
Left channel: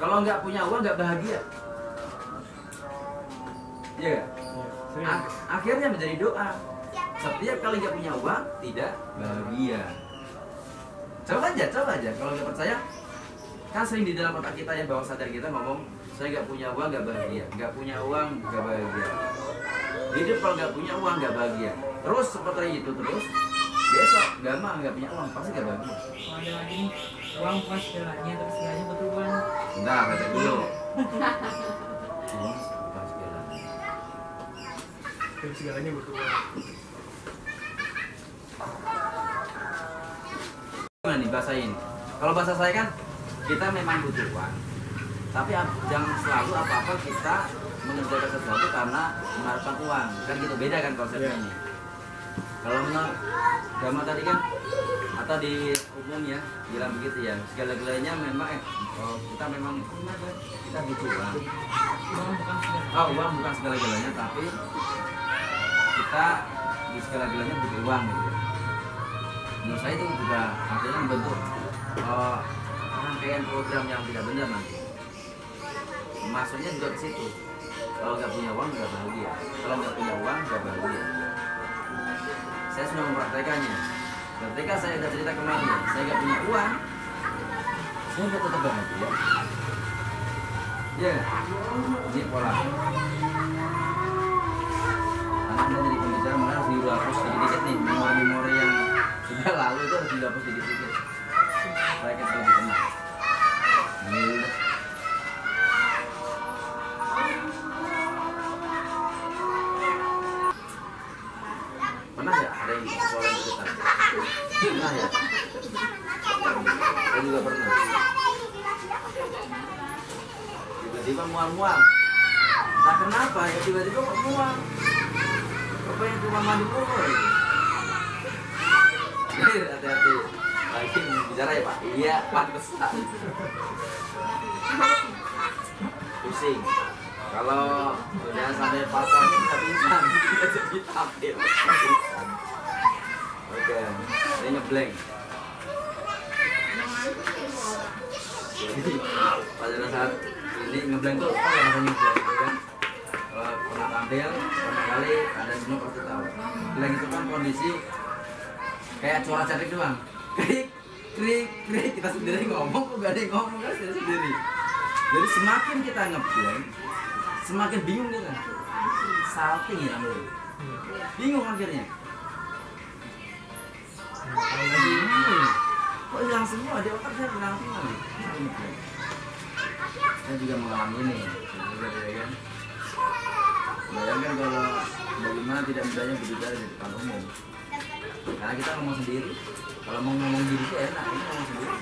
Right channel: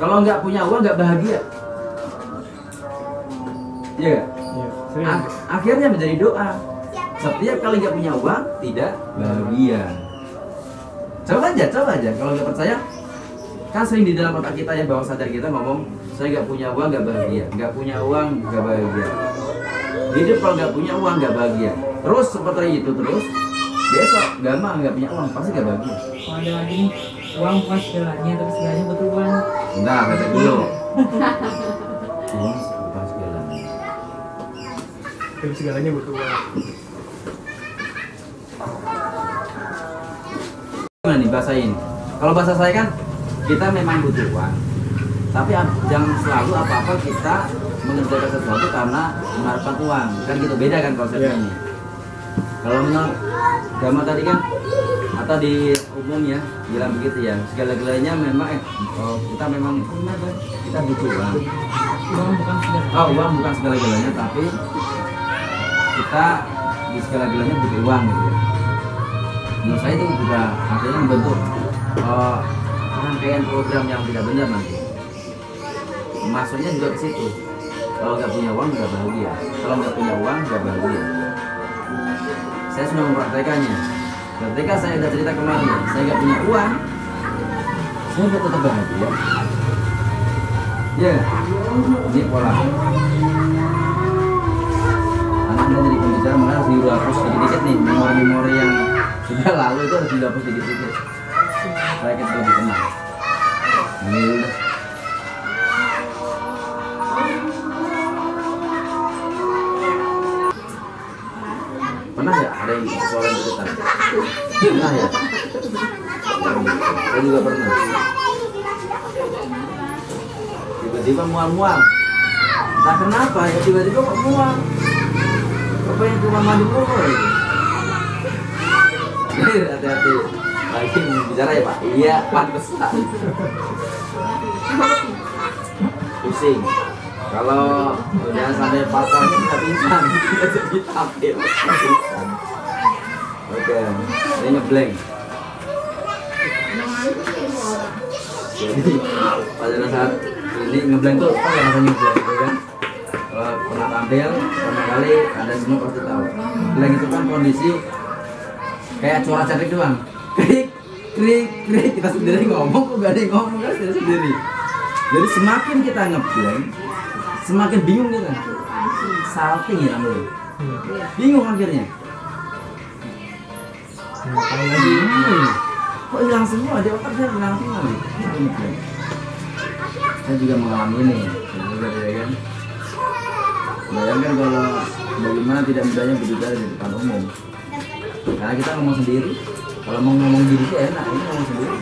Kalau nggak punya uang nggak bahagia, iya nggak? Akhirnya menjadi doa. Setiap kali nggak punya uang tidak bahagia. Coba aja. Kalau nggak percaya, kan sering di dalam otak kita ya, bawah sadar kita ngomong, saya nggak punya uang nggak bahagia, nggak punya uang nggak bahagia. Hidup kalau nggak punya uang nggak bahagia. Terus seperti itu terus. Besok gampang nggak punya uang pasti nggak bahagia. Kalau ada lagi nih, uang bukan segalanya, tapi segalanya butuh uang. Bentar, kata dulu. Uang bukan segalanya. Tapi segalanya butuh uang. Gimana nih bahasain? Kalau bahasa saya kan kita memang butuh uang, tapi jangan selalu apa-apa kita mengerjakan sesuatu karena mengharapkan uang. Kan gitu, beda kan konsepnya ini. Kalau menurut agama tadi kan, atau di umumnya bilang begitu ya, segala-galanya memang kita memang kita butuh uang. Uang bukan segala-galanya, tapi kita di segala-galanya butuh uang gitu ya. Menurut saya itu juga artinya membentuk rangkaian program yang tidak benar nanti. Maksudnya juga ke situ. Kalau nggak punya uang nggak bahagia. Kalau nggak punya uang nggak bahagia. Saya sudah mempraktekannya. Ketika saya sudah cerita kemarin, saya nggak punya uang, saya nggak tetap bahagia. Ya, ini pola. Karena Anda jadi pembicara, maka harus dihapus sedikit-sedikit nih, memori-memori yang sudah lalu itu harus dihapus sedikit-sedikit. Supaya kita lebih tenang. Ini udah. Pernah ya ada yang suara deketan? Pernah ya? Saya juga pernah. Tiba-tiba mual-mual. Entah kenapa ya, tiba-tiba kok mual. Kok pengen ke rumah mandi mulu ya? Hati-hati. Lagi bicara ya Pak? Iya, pantesan. Pusing. Kalau udah sampai patah kita pingsan, kita jadi tampil. Oke, ini ngeblank. Jadi pada saat ini ngeblank tuh apa yang rasanya ngeblank itu kan? Kalau pernah tampil, pernah kali ada semua pasti tahu. Ngeblank itu kan kondisi kayak suara cantik doang. Krik, krik, krik, kita sendiri ngomong, kok gak ada yang ngomong kan sendiri. Jadi semakin kita ngeblank, semakin bingung kita, salting ya namanya, bingung akhirnya. Kok hilang semua, di otak saya hilang semua nih. Saya juga mengalami ini, ya kan. Bayangkan kalau bagaimana tidak mudahnya berbicara di depan umum. Karena kita ngomong sendiri, kalau mau ngomong diri itu enak, ini ngomong sendiri.